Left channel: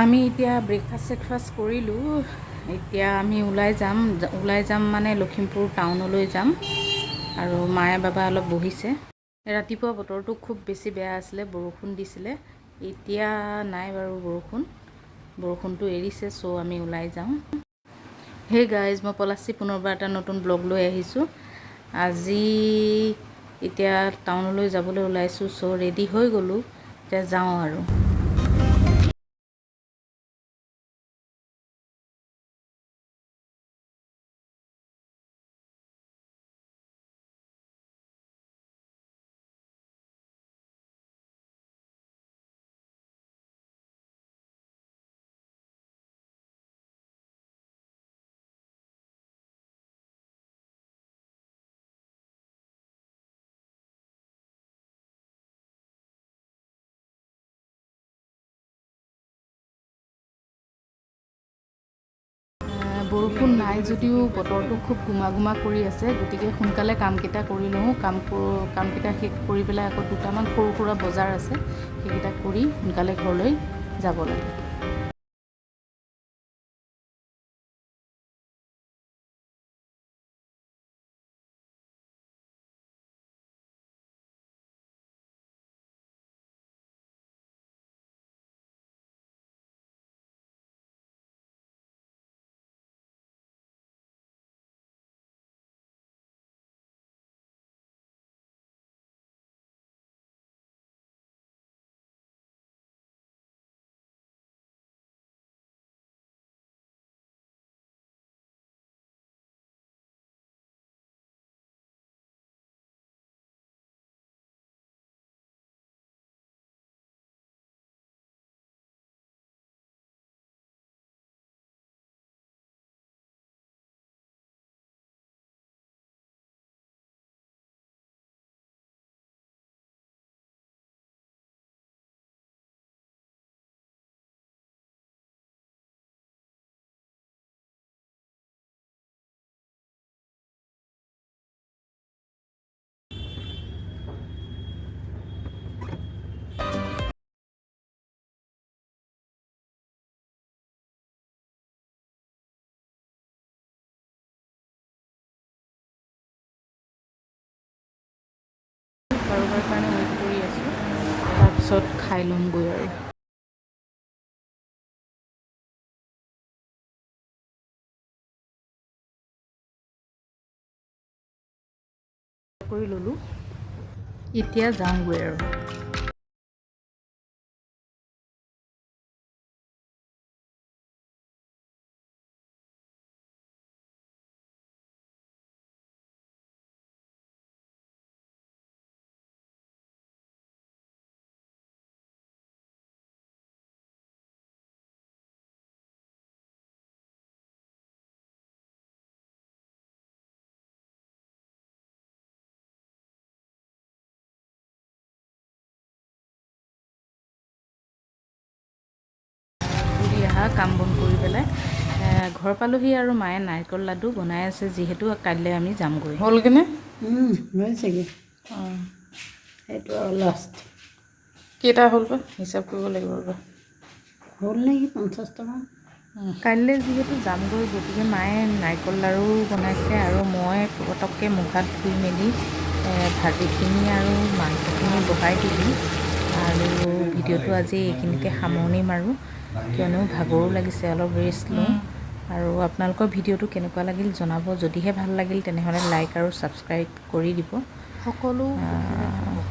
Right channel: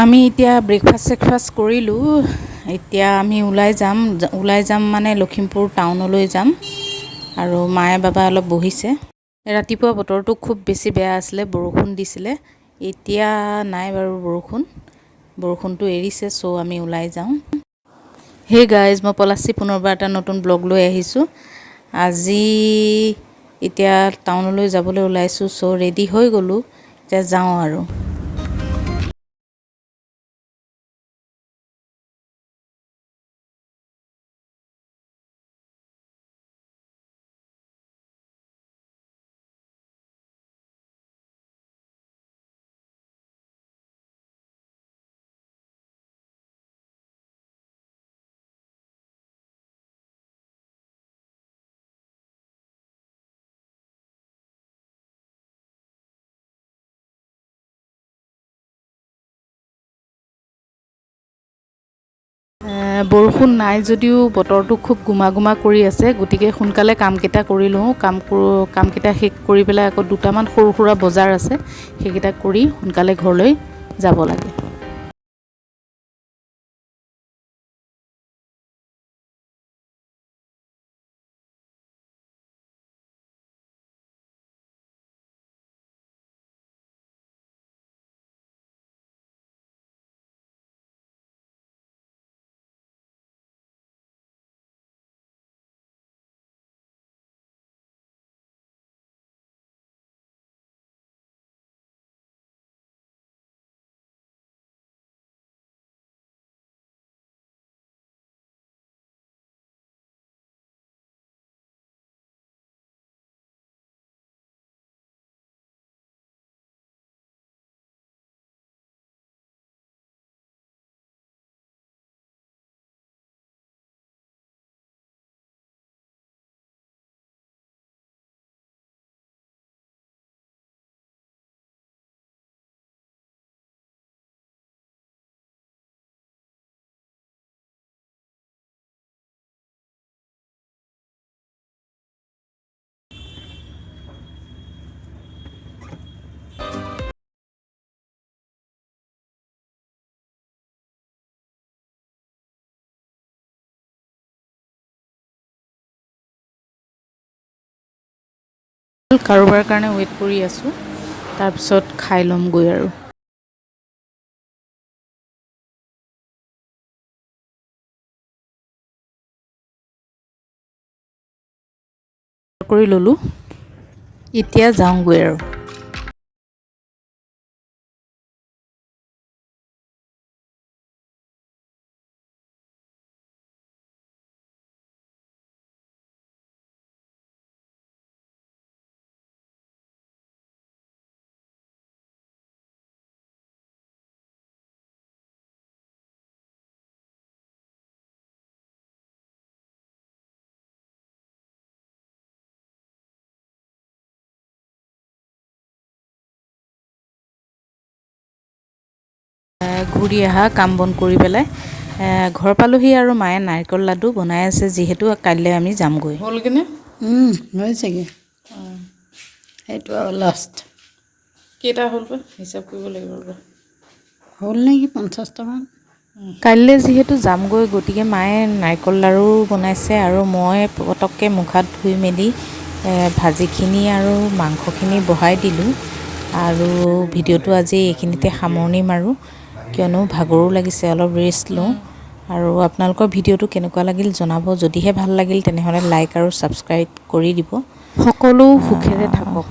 আমি এতিয়া ব্ৰেকফাষ্ট কৰিলোঁ। এতিয়া আমি ওলাই যাম মানে লখিমপুৰ টাউনলৈ যাম। আৰু মায়ে বাবা অলপ বহিছে। ৰাতিপুৱা বতৰটো খুব বেছি বেয়া আছিলে, বৰষুণ দিছিলে। এতিয়া নাই বাৰু বৰষুণটো এৰিছে, চ' আমি ওলাই যাওঁ। হে গাইজ, মই পলাশী পুনৰবাৰ এটা নতুন ব্লগ লৈ আহিছোঁ। আজি এতিয়া টাউনলৈ যাবলৈ ওলাইছোঁ, চ' ৰেডি হৈ গ'লোঁ। এতিয়া যাওঁ আৰু। বৰষুণ নাই যদিও বতৰটো খুব গোমা কৰি আছে, গতিকে সোনকালে কামকেইটা কৰি লওঁ। কামকেইটা শেষ কৰি পেলাই আকৌ দুটামান সৰু সুৰা বজাৰ আছে, সেইকেইটা কৰি সোনকালে ঘৰলৈ যাব লাগে। কাৰোবাৰ কাৰণে ৱেইট কৰি আছোঁ, তাৰপিছত খাই ল'মগৈ আৰু। কৰি ল'লোঁ, এতিয়া যাওঁগৈ আৰু। ঘূৰি অহা কাম বন কৰি পেলাই ঘৰ পালোহি আৰু মায়ে নাৰিকল লাডু বনাই আছে, যিহেতু কাইলৈ আমি যামগৈ। হ'লগৈনে? হৈছেগৈ। অঁ, সেইটো আৰু লাষ্ট। কেইটা হ'ল বা হিচাপ কৰিব লাগিব ৰ'বা। হ'ল নেকি 50টামান। কাইলৈ যিহেতু যামগৈ, গতিকে মায়ে নাৰিকল লাড়ু বনাইছে আৰু মই পটককৈ মুখ হাত ধুই মেলি ভাজিখিনি আৰু মাংসখিনি বহাই দিলোঁ। আৰু ভিডিঅ'টো আজি এইখিনিতে সামৰণি মাৰোঁ, কিয়নো ভাগৰো লাগিছে, অলপ ৰেষ্ট লওঁ। আৰু আপোনালোকৰ ভিডিঅ'টো কেনেকুৱা লাগিল জনাব। যদিহে ভাল লাগিল তেনেহ'লে লাইক আৰু ছাবস্ক্ৰাইব কৰি দিব। সকলো সুখেৰে থাকক।